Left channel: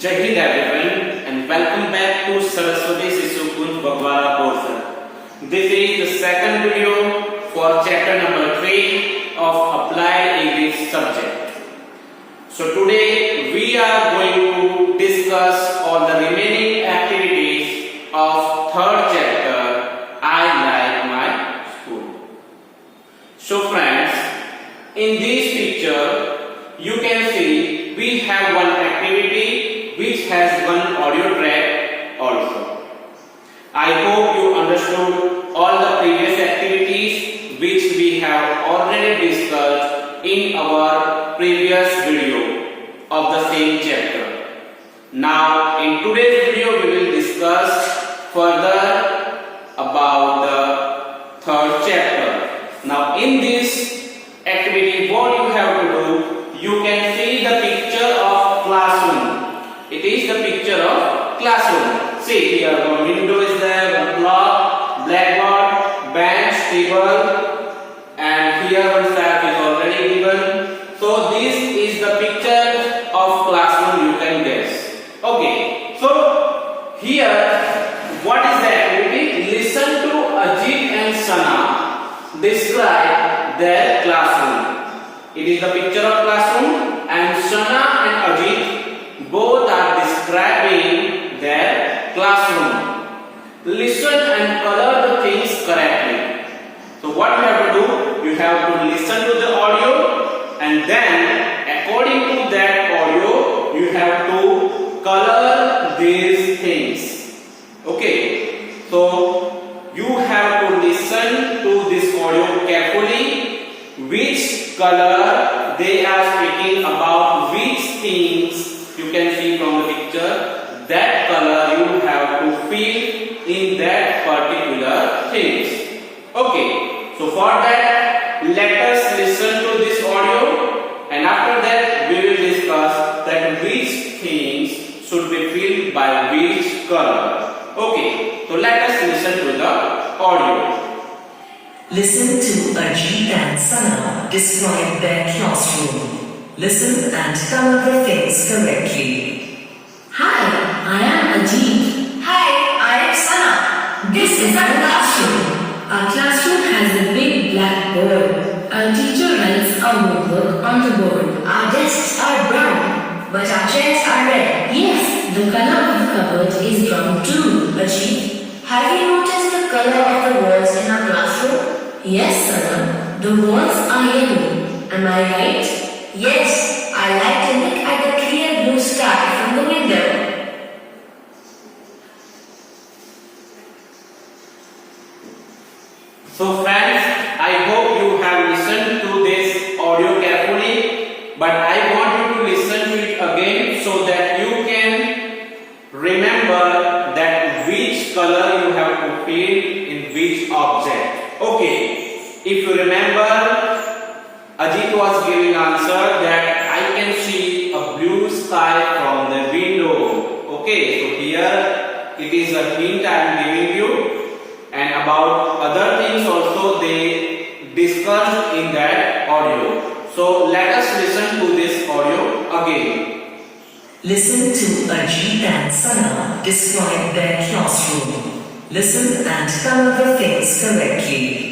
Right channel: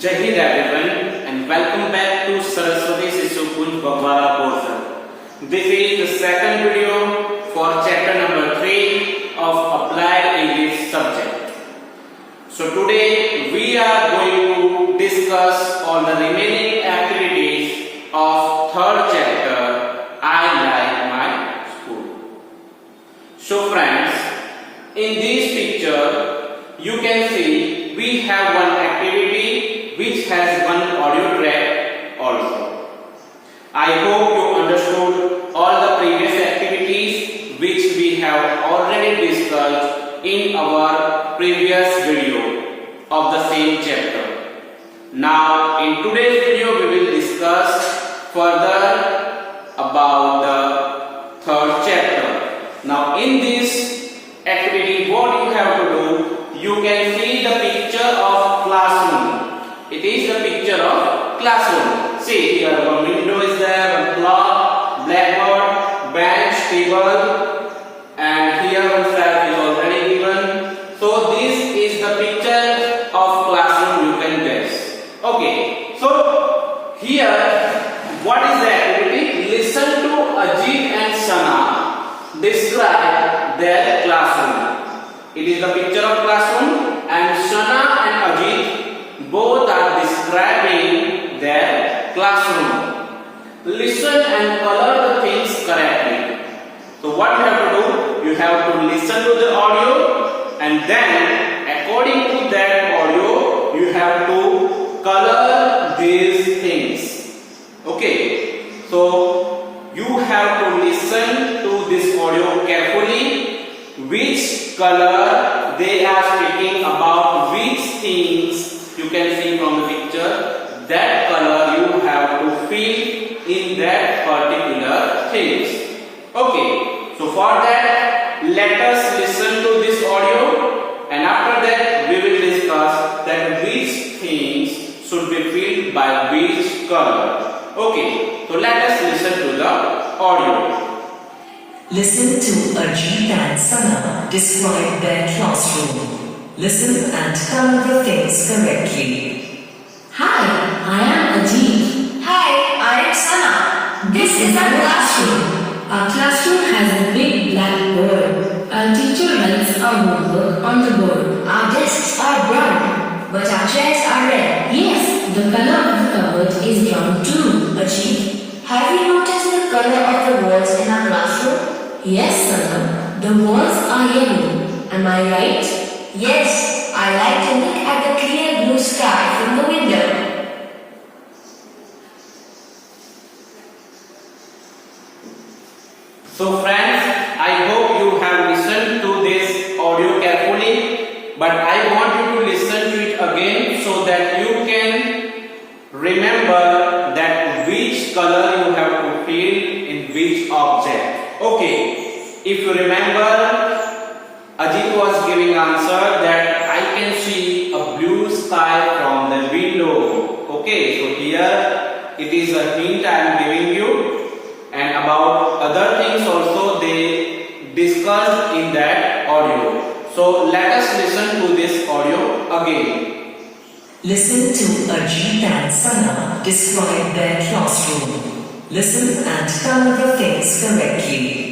Jai Hind everyone and welcome back to Saraswati Sishu Kunj Bagwara portion. This is the second video for chapter number 3 of Applied English subject. So today we are going to discuss all the remaining activities of third chapter I Like My School. So friends, in this picture you can see we have one activity which has one audio track also. I hope you understood all the previous activities which we have already discussed in our previous video of the same chapter. Now in today's video we will discuss further about the third chapter. Now in this activity what you have to do, you can see the picture of classroom. It is the picture of classroom. See here one window is there, one clock, blackboard, bench, table, and here one shelf is already given. So this is the picture of classroom, you can guess. Okay, so here what is the activity? Listen to Ajit and Sana describe their classroom. It is the picture of classroom and Sana and Ajit both are describing their classroom. Listen and color the things correctly. So what you have to do? You have to listen to the audio and then according to that audio you have to color these things. Okay. So you have to listen to this audio carefully. Which color they are speaking about, which things you can see from the picture, that color you have to fill in that particular things. Okay, so for that let us listen to this audio and after that we will discuss that which things should be filled by which color. Okay, so let us listen to the audio. Listen to Ajit and Sana describe their classroom. Listen and color the things correctly. Hi, I am Ajit. Hi, I am Sana. This is our classroom. Our classroom has a big black board. Our teacher writes our homework on the board. Our desks are brown, but our chairs are red. Yes, the color of the cupboard is brown too. Ajit, have you noticed the color of the walls in our classroom? Yes, Sana, the walls are yellow. Am I right? Yes, I like to look at the clear blue sky from the window. So friends, I hope you have listened to this audio carefully, but I want you to listen to it again so that you can remember that which color you have to fill in which object. Okay, if you remember, Ajit was giving answer that I can see a blue sky from the window. Okay, so here it is a hint I am giving you, and about other things also they discussed in that audio. So let us listen to this audio again. Listen to Ajit and Sana describe their classroom. Listen and color the things correctly.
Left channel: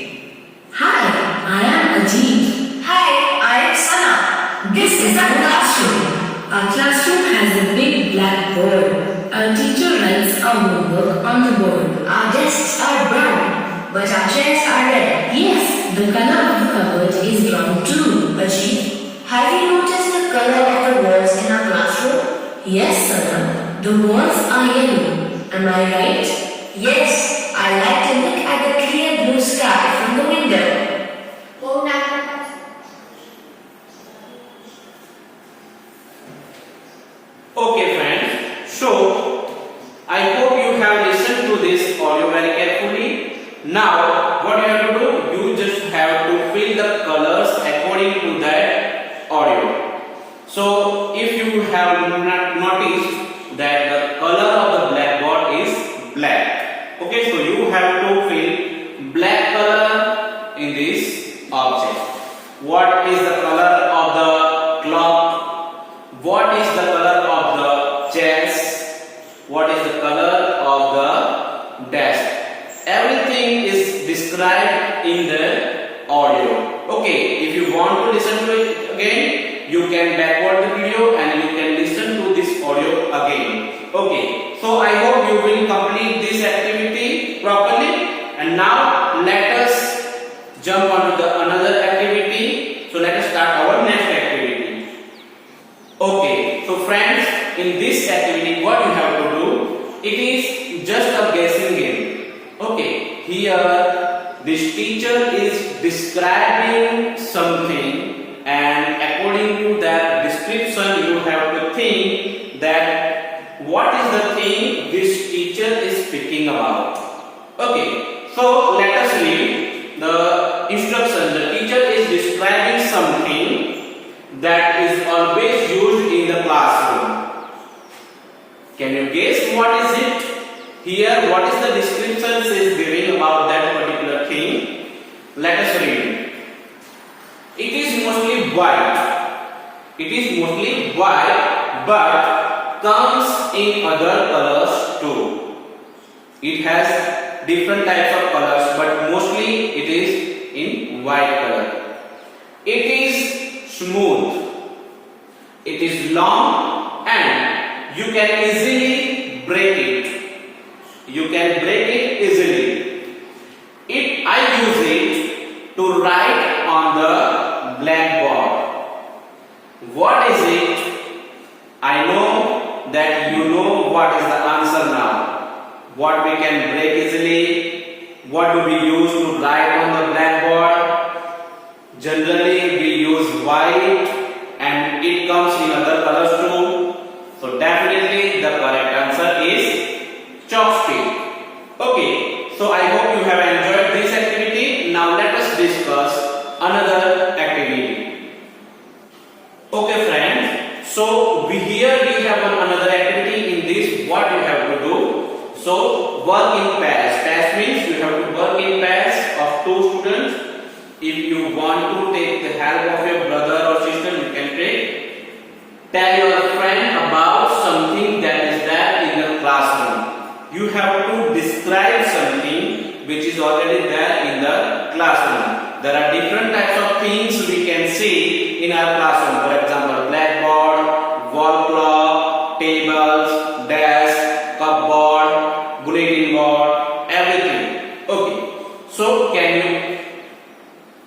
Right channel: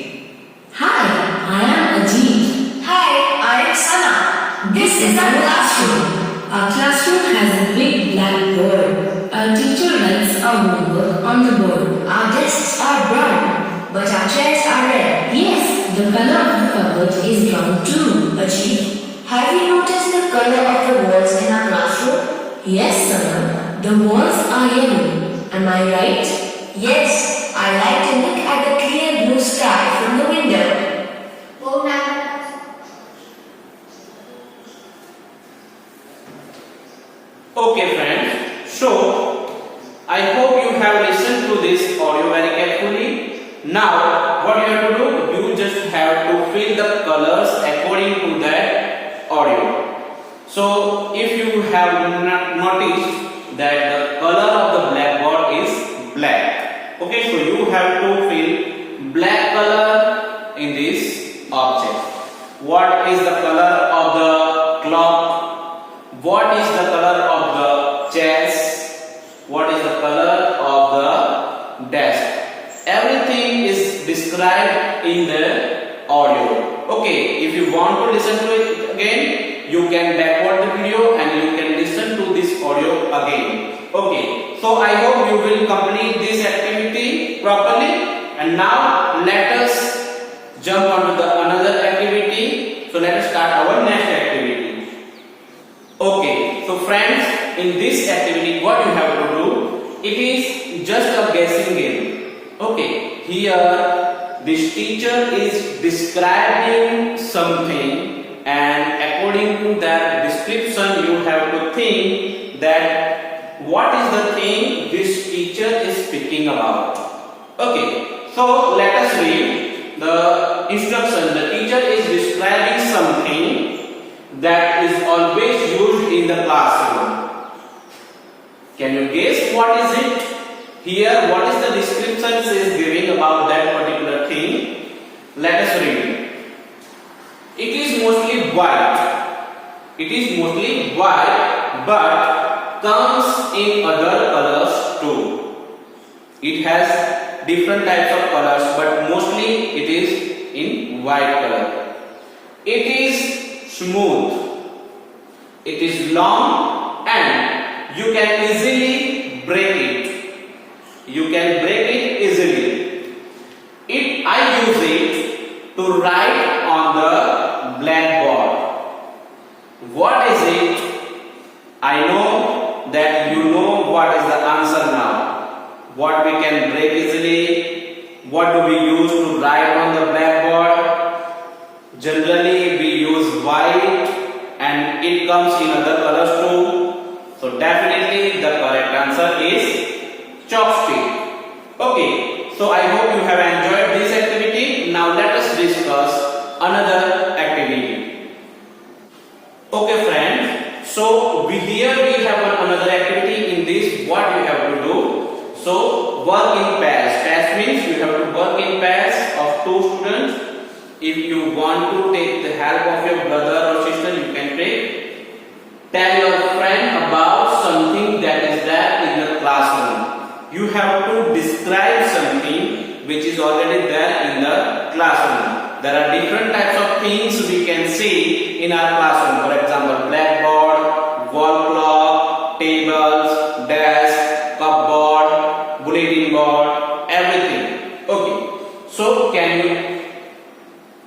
Hi, I am Ajit. Hi, I am Sana. This is our classroom. Our classroom has a big black board. Our teacher writes our homework on the board. Our desks are brown, but our chairs are red. Yes, the color of the cupboard is brown too. Ajit, have you noticed the color of the walls in our classroom? Yes, Sana, the walls are yellow. Am I right? Yes, I like to look at the clear blue sky from the window. Oh, now. Okay friends, so I hope you have listened to this audio very carefully. Now what you have to do, you just have to fill the colors according to that audio. So if you have not noticed that the color of the blackboard is black. Okay, so you have to fill black color in this object. What is the color of the clock? What is the color of the chairs, what is the color of the desk. Everything is described in the audio. Okay, if you want to listen to it again, you can backward the video and you can listen to this audio again. Okay, so I hope you will complete this activity properly. And now let us jump on to the another activity. So let us start our next activity. Okay, so friends, in this activity what you have to do, it is just a guessing game. Okay, here this teacher is describing something, and according to that description you have to think that what is the thing this teacher is speaking about. Okay, so let us read the instruction. The teacher is describing something that is always used in the classroom. Can you guess what is it? Here, what is the description is giving about that particular thing? Let us read. It is mostly white. It is mostly white, but comes in other colors too. It has different types of colors, but mostly it is in white color. It is smooth. It is long, and you can easily break it. You can break it easily. I use it to write on the blackboard. What is it? I know that you know what is the answer now. What we can break easily? What do we use to write on the blackboard? Generally we use white, and it comes in other colors too. So definitely the correct answer is chopstick. Okay, so I hope you have enjoyed this activity. Now let us discuss another activity. Okay friends, so here we have another activity. In this, what you have to do? So work in pairs. Pairs means you have to work in pairs of two students. If you want to take the help of your brother or sister, you can take. Tell your friend about something that is there in the classroom. You have to describe something which is already there in the classroom. There are different types of things we can see in our classroom. For example, blackboard, wall clock, tables, desk, cupboard, bulletin board, everything. Okay. So can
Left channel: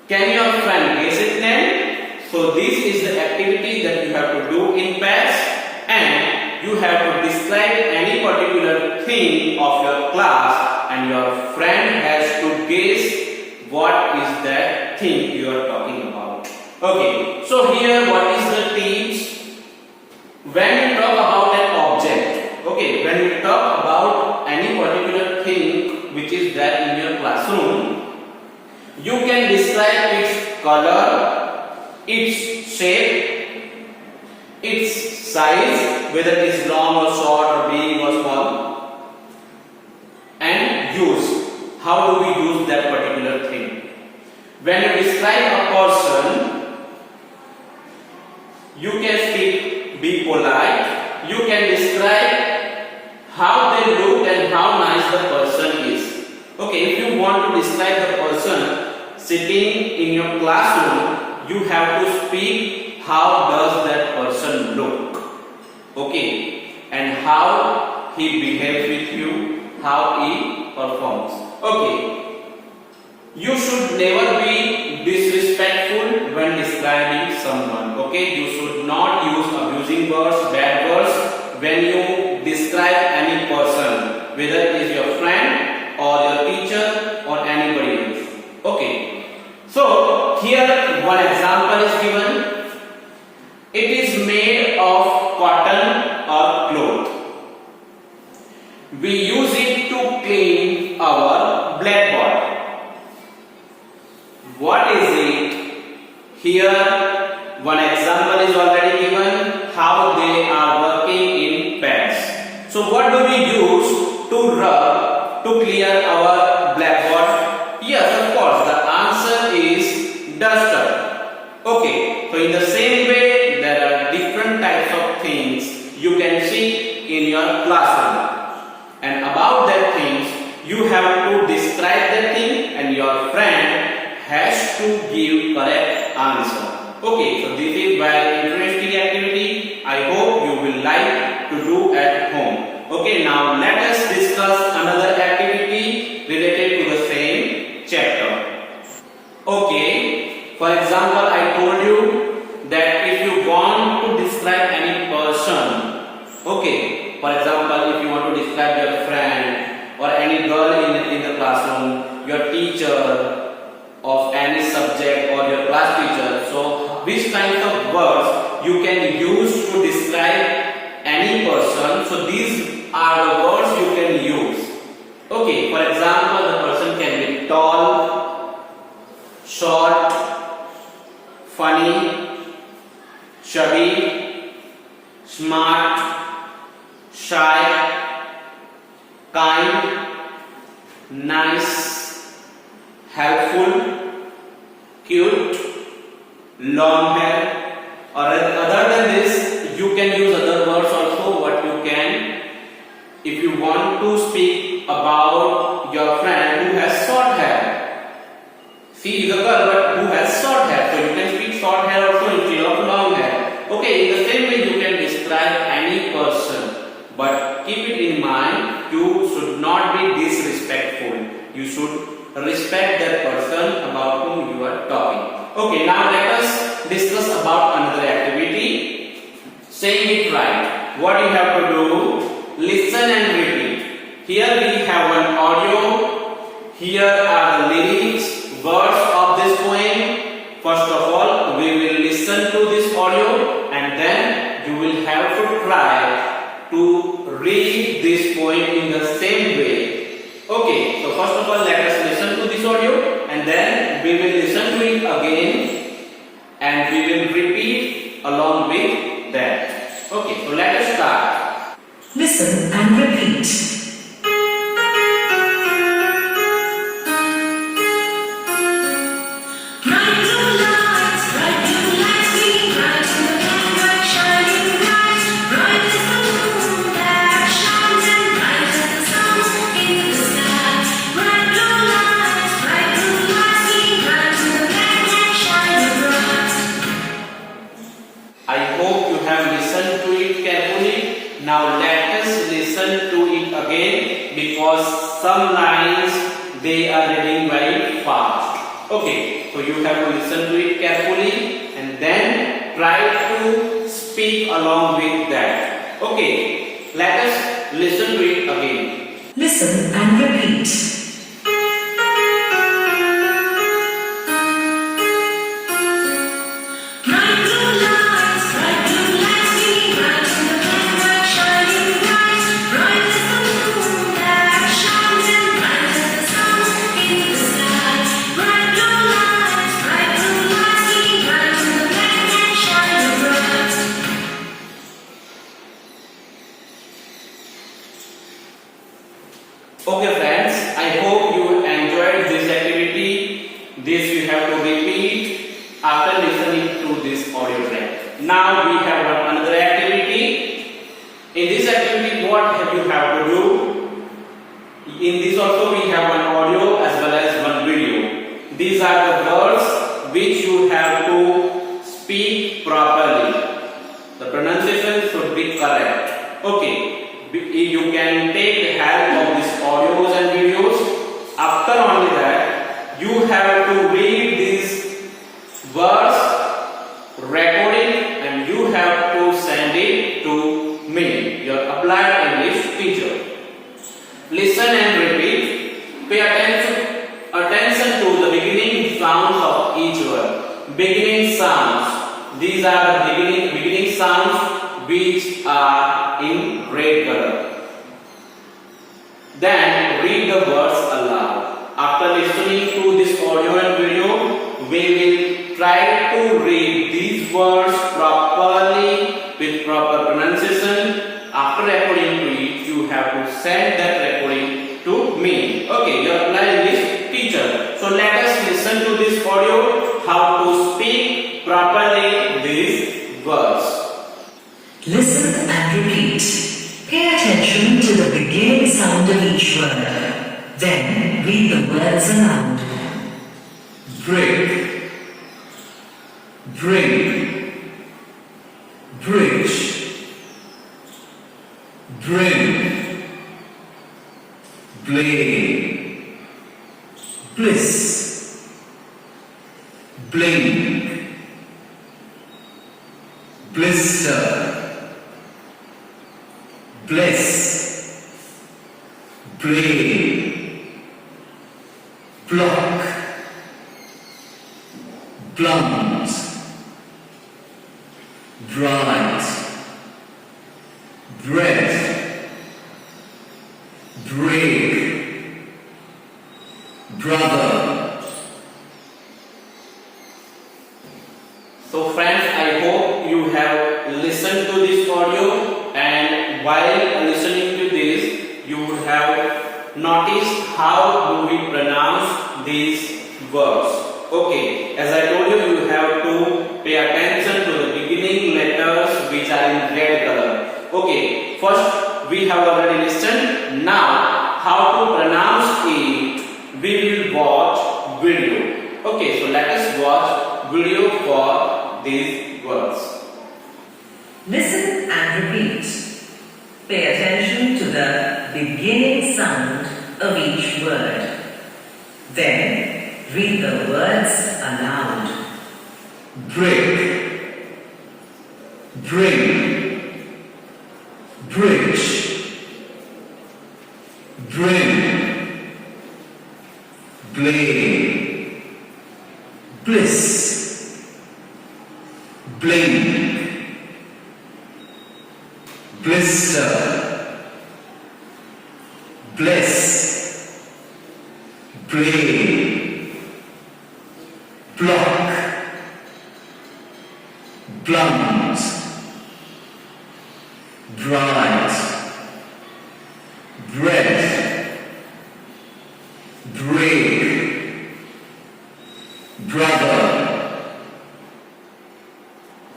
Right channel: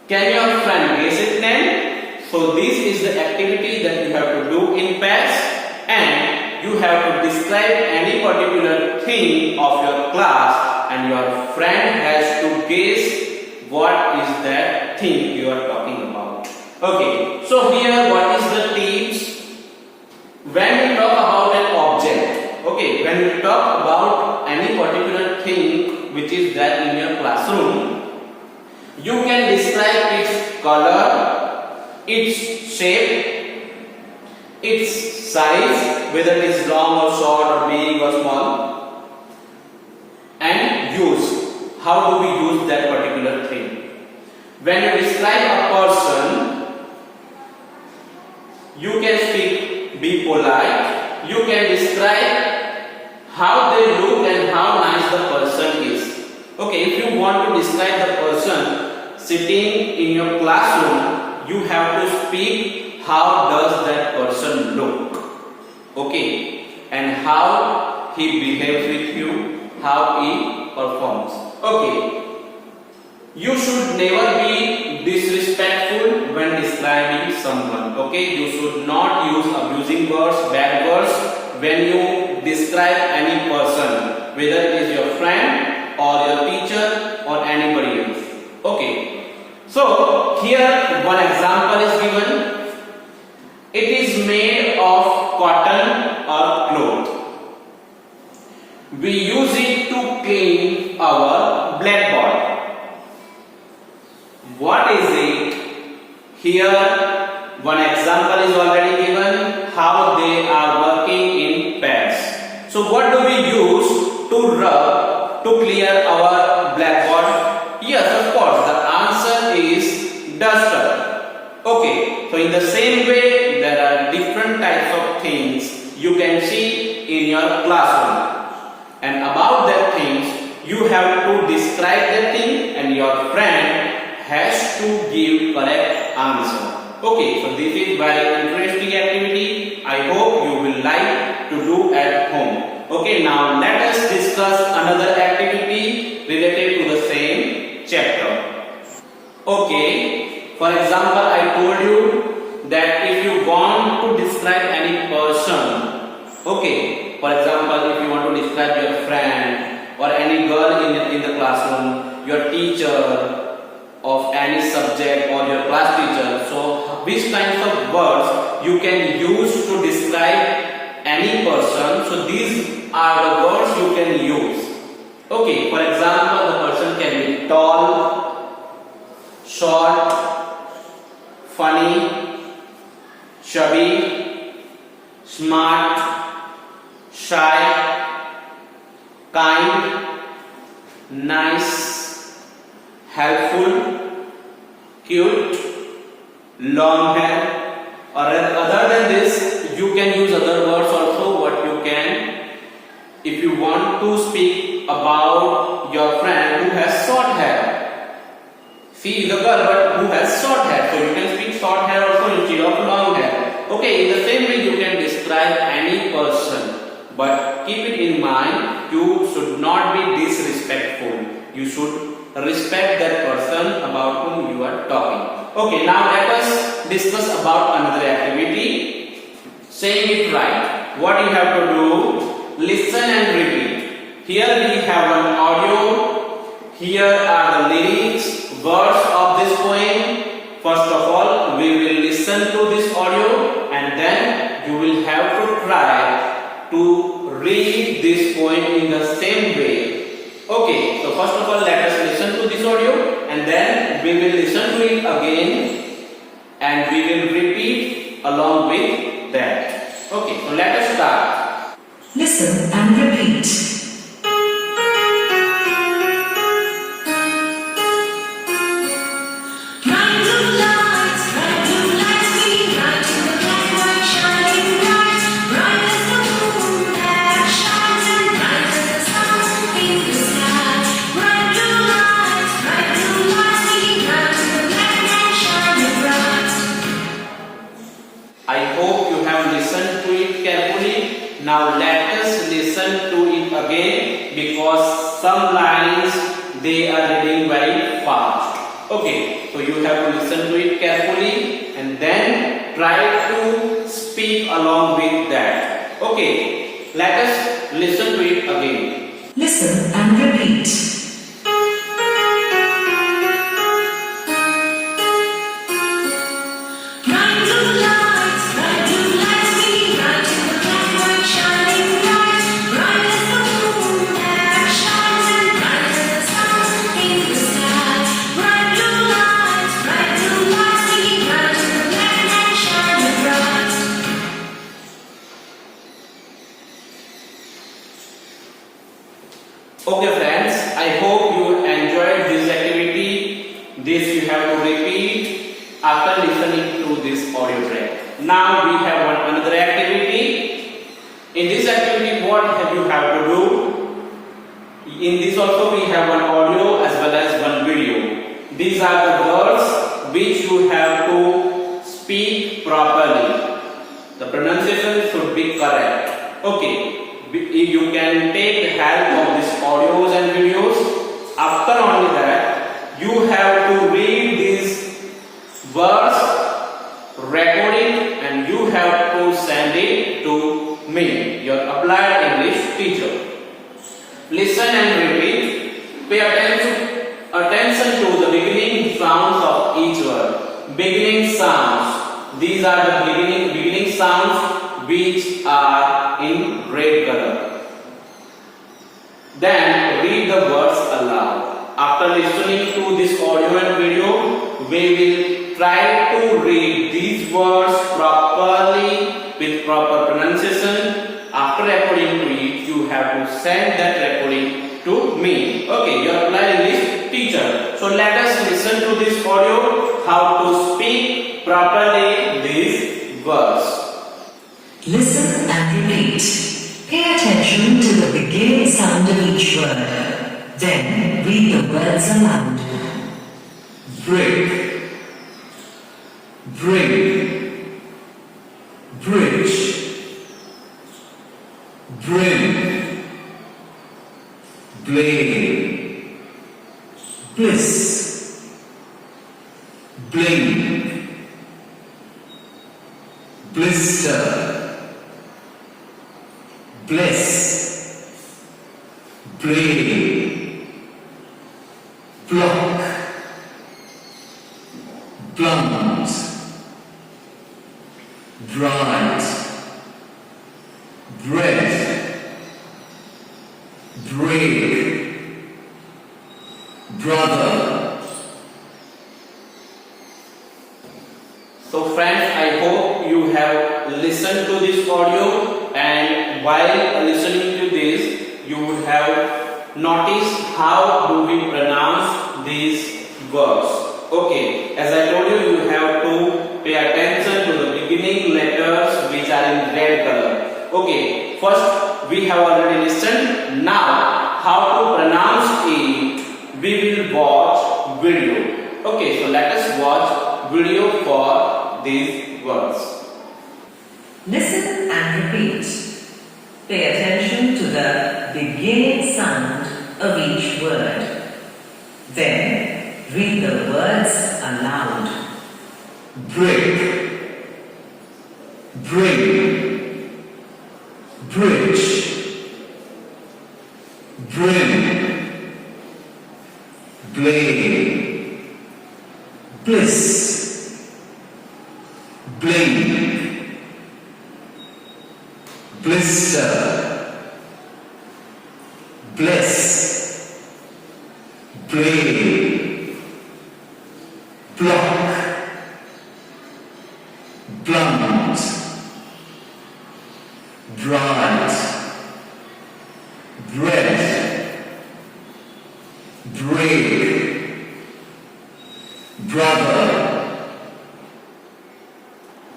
your friend guess it then? So this is the activity that you have to do in pairs, and you have to describe any particular thing of your class, and your friend has to guess what is that thing you are talking about. Okay, so here what is the tips? When we talk about an object, okay, when we talk about any particular thing which is there in your classroom, you can describe its color, its shape, its size, whether it is long or short or big or small, and use. How do we use that particular thing? When you describe a person, you can speak, be polite. You can describe how they look and how nice the person is. Okay, if you want to describe the person sitting in your classroom, you have to speak how does that person look. Okay, and how he behaves with you, how he performs. Okay, you should never be disrespectful when describing someone. Okay, you should not use abusing words, bad words when you describe any person, whether it is your friend or your teacher or anybody else. Okay, so here one example is given. It is made of cotton or cloth. We use it to clean our blackboard. What is it? Here one example is already given how they are working in pairs. So what do we use to rub to clear our blackboard? Yes, of course, the answer is duster. Okay, so in the same way there are different types of things you can see in your classroom. And about that things, you have to describe that thing and your friend has to give correct answer. Okay, so this is very interesting activity. I hope you will like to do at home. Okay, now let us discuss another activity related to the same chapter. Okay, for example, I told you that if you want to describe any person, okay, for example, if you want to describe your friend or any girl in the classroom, your teacher of any subject or your class teacher, so which kinds of words you can use to describe any person, so these are the words you can use. Okay, for example, the person can be tall, short, funny, chubby, smart, shy, kind, nice, helpful, cute, long hair, or other than this, you can use other words also. What you can, if you want to speak about your friend who has short hair, she is a girl but who has short hair, so you can speak short hair also instead of long hair. Okay, in the same way you can describe any person, but keep it in mind, you should not be disrespectful. You should respect that person about whom you are talking. Okay, now let us discuss about another activity. Saying it right. What you have to do, listen and repeat. Here we have one audio. Here are the lyrics, words of this poem. First of all, we will listen to this audio and then you will have to try to read this poem in the same way. Okay, so first of all, let us listen to this audio and then we will listen to it again and we will repeat along with that. Okay, so let us start. Listen and repeat. I hope you have listened to it carefully. Now let us listen to it again because some lines they are reading very fast. Okay, so you have to listen to it carefully and then try to speak along with that. Okay, let us listen to it again. Listen and repeat. Okay friends, I hope you enjoyed this activity. This we have to repeat after listening to this audio track. Now we have another activity. In this activity, what you have to do? In this also we have one audio as well as one video. These are the words which you have to speak properly. The pronunciation should be correct. Okay. You can take the help of these audios and videos. After only that, you have to read these words, record it, and you have to send it to me, your applied English teacher. Listen and repeat. Pay attention to the beginning sounds of each word. Beginning sounds. These are the beginning sounds which are in red color. Then read the words aloud. After listening to this audio and video, we will try to read these words properly with proper pronunciation. After recording to it, you have to send that recording to me. Okay, your applied English teacher. So let us listen to this audio, how to speak properly these words. Listen and repeat. Pay attention to the beginning sound of each word. Then read the words aloud. Brick, bring, bridge, brim, blame, bliss, blink, blister, bliss, blade, block, blunt, bright, bread, break, brother. So friends, I hope you have listened to this audio, and while listening to this, you would have noticed how do we pronounce these words. Okay, as I told you, you have to pay attention to the beginning letters which are in red color. Okay, first we have already listened. Now, how to pronounce it, we will watch video. Okay, so let us watch video for these words. Listen and repeat. Pay attention to the beginning sound of each word. Then read the words aloud. Brick, bring, bridge, brim, blade, bliss, blink, blister, bliss, blade, block, blunt, bright, bread, break, brother.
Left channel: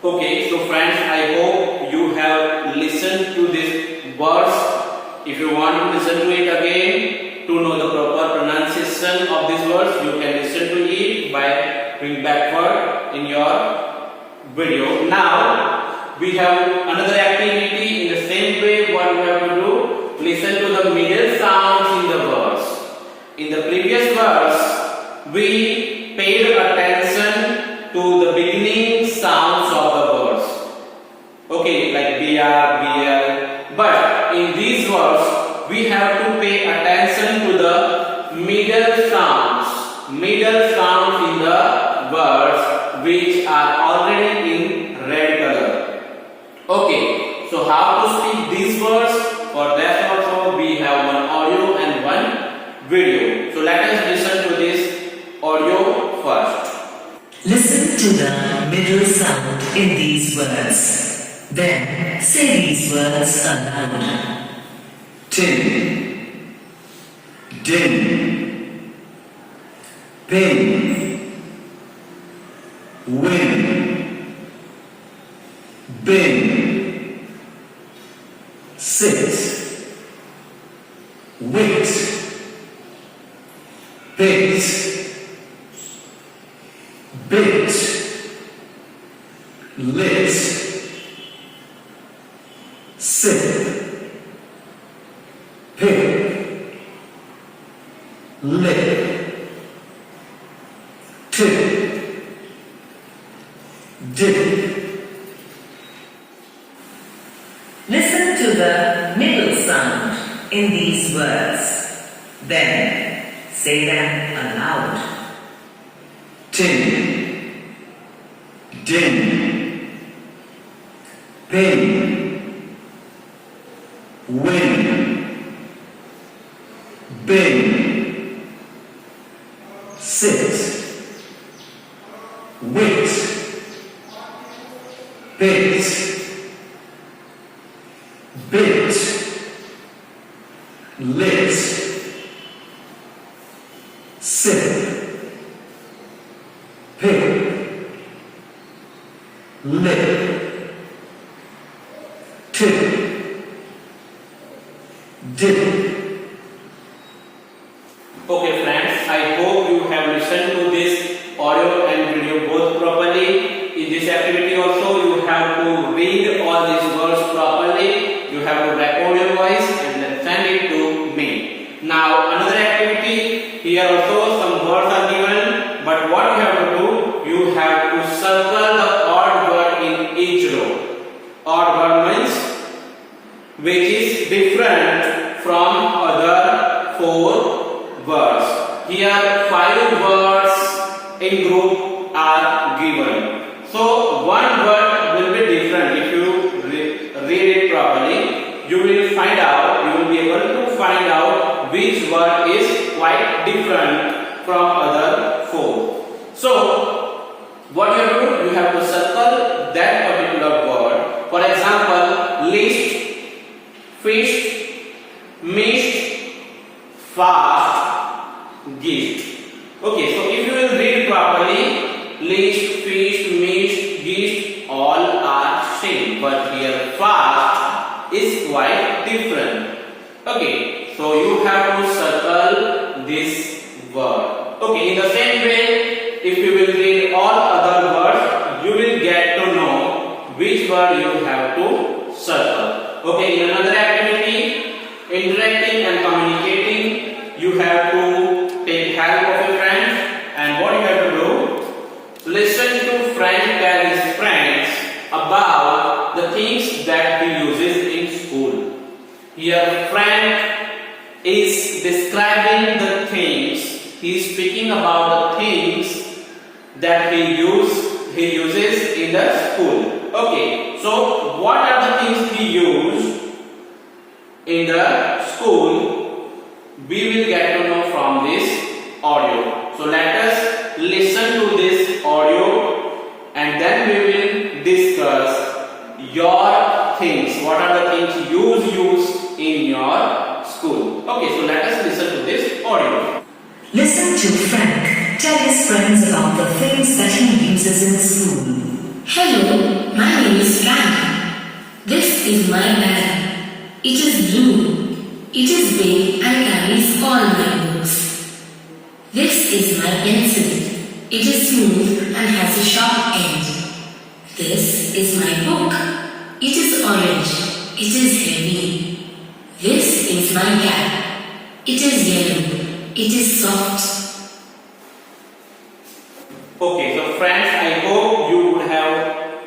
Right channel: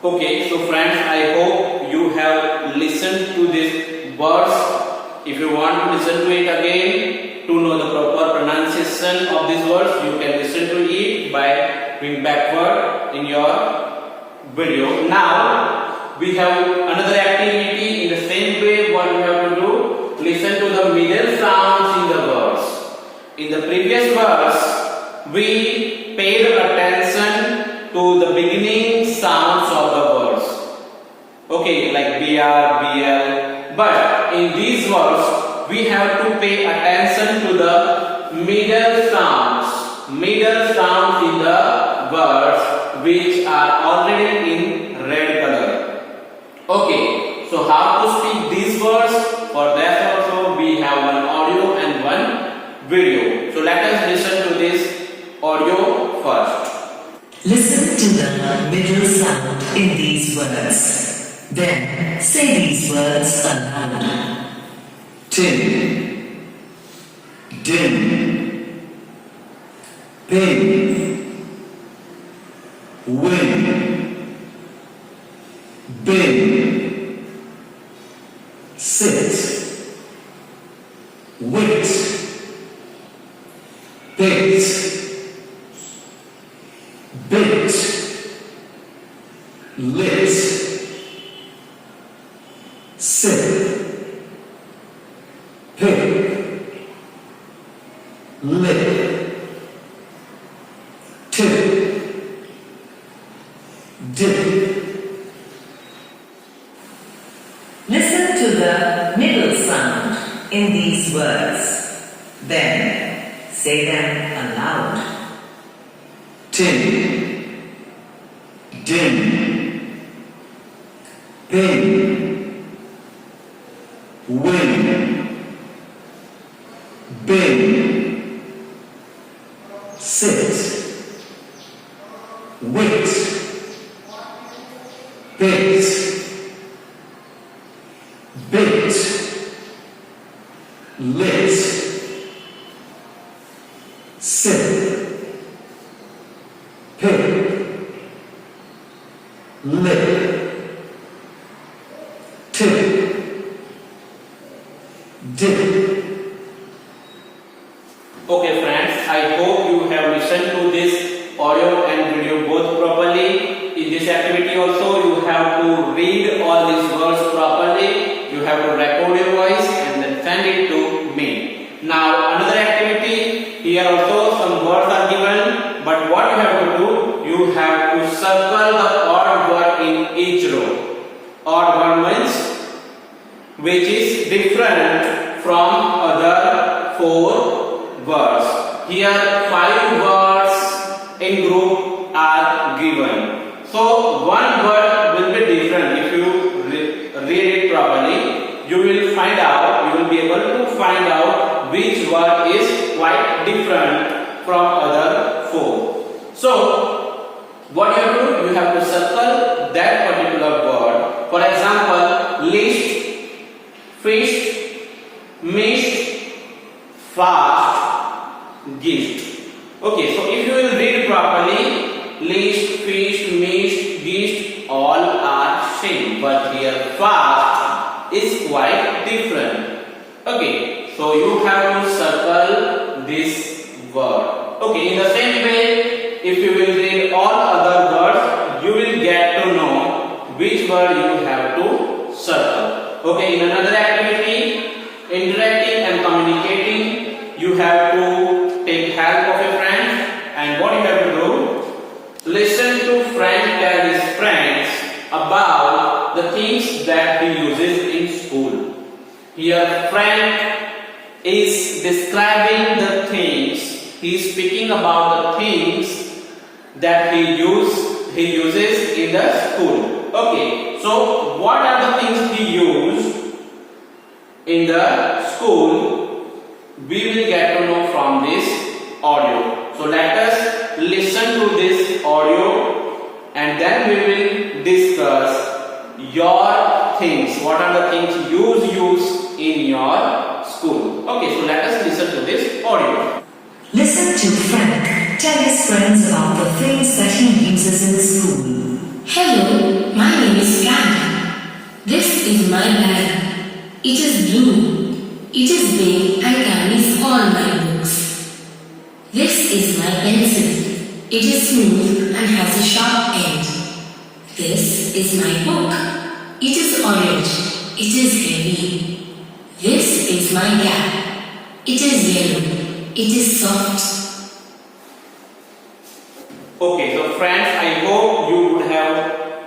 Okay, so friends, I hope you have listened to these words. If you want to listen to it again, to know the proper pronunciation of these words, you can listen to it by doing backward in your video. Now, we have another activity in the same way. What we have to do, listen to the middle sounds in the words. In the previous verse, we paid attention to the beginning sounds of the words. Okay, like BR, BL. But in these words, we have to pay attention to the middle sounds. Middle sounds in the words which are already in red color. Okay, so how to speak these words? For that also we have one audio and one video. So let us listen to this audio first. Listen to the middle sound in these words. Then say these words aloud. Tin, din, pin, win, bin, sit, wit, bit, bit, lit, sip, pip, lip, tip, dip. Listen to the middle sound in these words. Then say them aloud. Tin, din, pin, win, bin, sit, wit, bit, bit, lit, sip, pip, lip, Zip. Okay friends, I hope you have listened to this audio and video both properly. In this activity also you have to read all these words properly. You have to record your voice and then send it to me. Now another activity, here also some words are given, but what you have to do, you have to circle the odd word in each row. Odd word means which is different from other 4 words. Here 5 words in group are given. So one word will be different. If you read it properly, you will find out, you will be able to find out which word is quite different from other 4. So what you have to do, you have to circle that particular word. For example, list, feast, missed, fast, gift. Okay, so if you will read properly, list, feast, missed, gift, all are same, but here fast is quite different. Okay, so you have to circle this word. Okay, in the same way, if you will read all other words, you will get to know which word you have to circle. Okay, in another activity, interacting and communicating, you have to take help of your friend, and what you have to do, listen to friend tell his friends about the things that he uses in school. Here friend is describing the things, he is speaking about the things that he uses in the school. Okay, so what are the things he used in the school? We will get to know from this audio. So let us listen to this audio and then we will discuss your things. What are the things you use in your school? Okay, so let us listen to this audio. Listen to Frank tell his friends about the things that he uses in school. Hello, my name is Frank. This is my bag. It is blue. It is big and carries all my books. This is my pencil. It is smooth and has a sharp end. This is my book. It is orange. It is heavy. This is my cap. It is yellow. It is soft. Okay, so friends, I hope you would have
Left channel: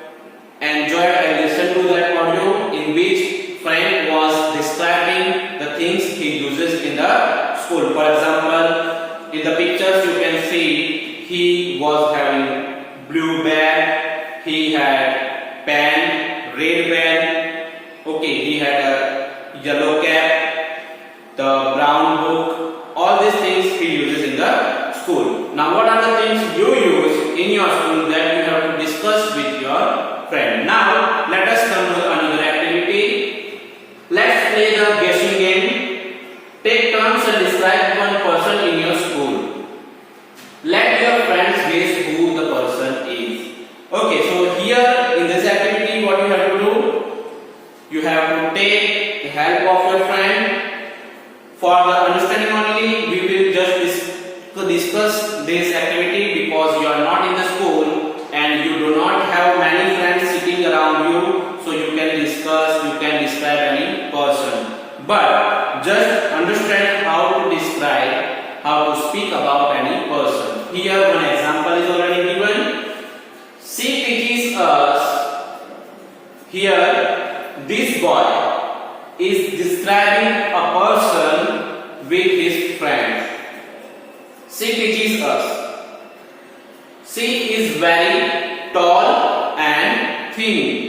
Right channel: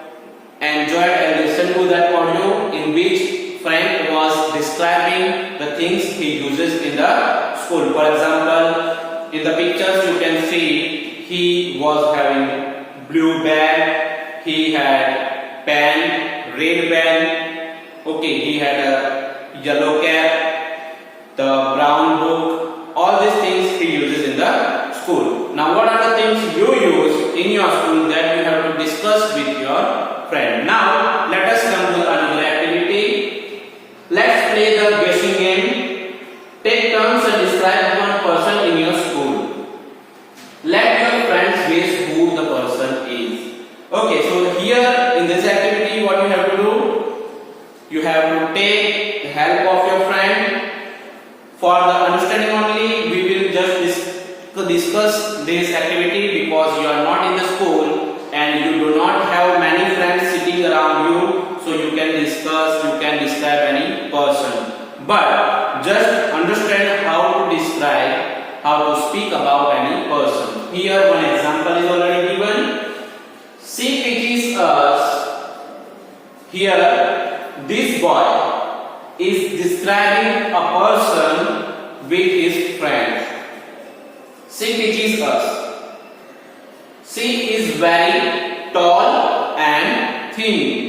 enjoyed and listened to that audio in which Frank was describing the things he uses in the school. For example, in the pictures you can see he was having blue bag, he had pen, red pen, okay, he had a yellow cap, the brown book, all these things he uses in the school. Now what are the things you use in your school that you have to discuss with your friend? Now let us come to another activity. Let's play the guessing game. Take turns and describe one person in your school. Let your friends guess who the person is. Okay, so here in this activity what you have to do, you have to take the help of your friend. For the understanding only, we will just discuss this activity because you are not in the school and you do not have many friends sitting around you, so you can discuss, you can describe any person. But just understand how to describe, how to speak about any person. Here one example is already given. She teaches us. Here this boy is describing a person with his friend. She teaches us. She is very tall and thin.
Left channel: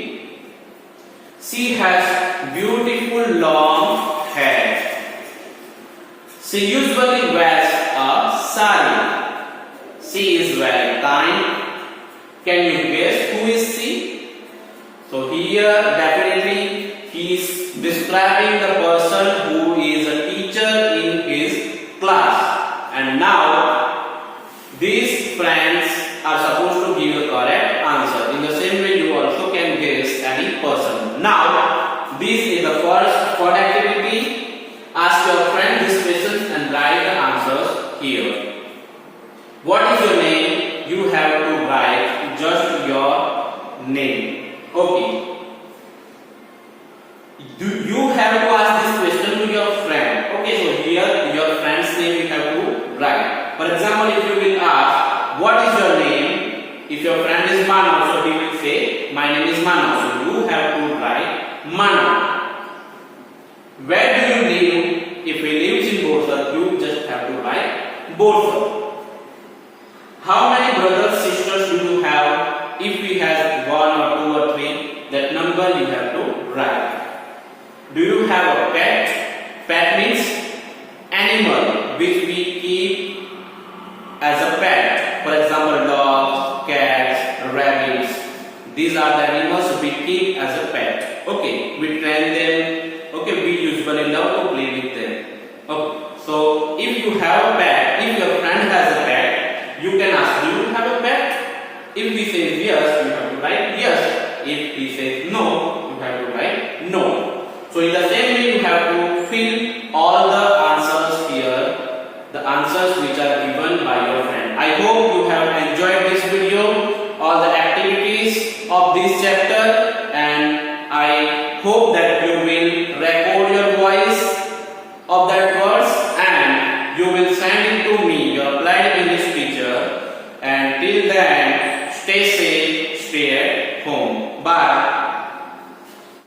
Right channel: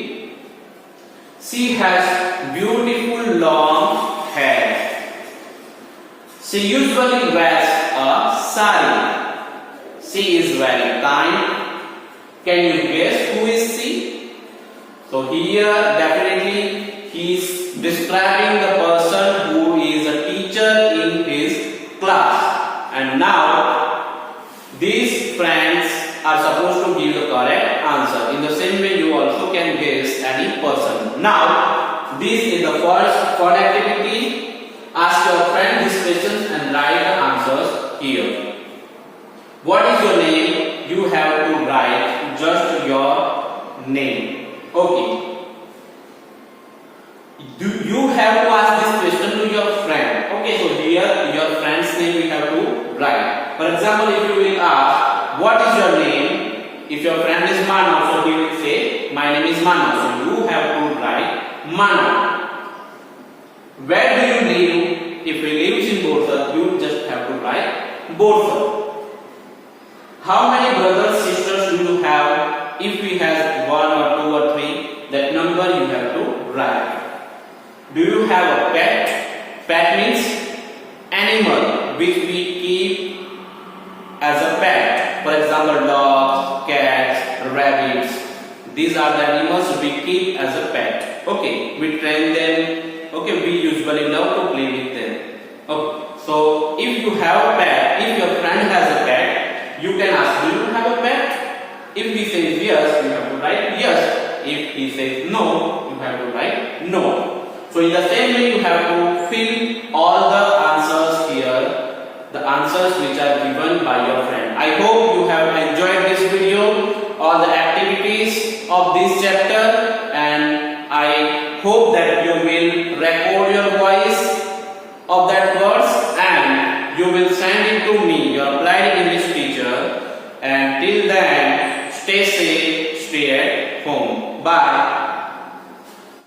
She has beautiful long hair. She usually wears a sari. She is very kind. Can you guess who is she? So here definitely he is describing the person who is a teacher in his class. And now these friends are supposed to give the correct answer. In the same way you also can guess any person. Now this is the first activity. Ask your friend these questions and write the answers here. What is your name? You have to write just your name. Okay. You have to ask this question to your friend. Okay, so here your friend's name you have to write. For example, if you will ask, what is your name? If your friend is Mano, so he will say, my name is Mano. So you have to write Mano. Where do you live? If he lives in Borsar, you just have to write Borsar. How many brothers, sisters do you have? If he has 1 or 2 or 3, that number you have to write. Do you have a pet? Pet means animal which we keep as a pet. For example, dogs, cats, rabbits. These are the animals we keep as a pet. Okay, we train them. Okay, we usually love to play with them. Okay, so if you have a pet, if your friend has a pet, you can ask, do you have a pet? If he says yes, you have to write yes. If he says no, you have to write no. So in the same way, you have to fill all the answers here, the answers which are given by your friend. I hope you have enjoyed this video, all the activities of this chapter, and I hope that you will record your voice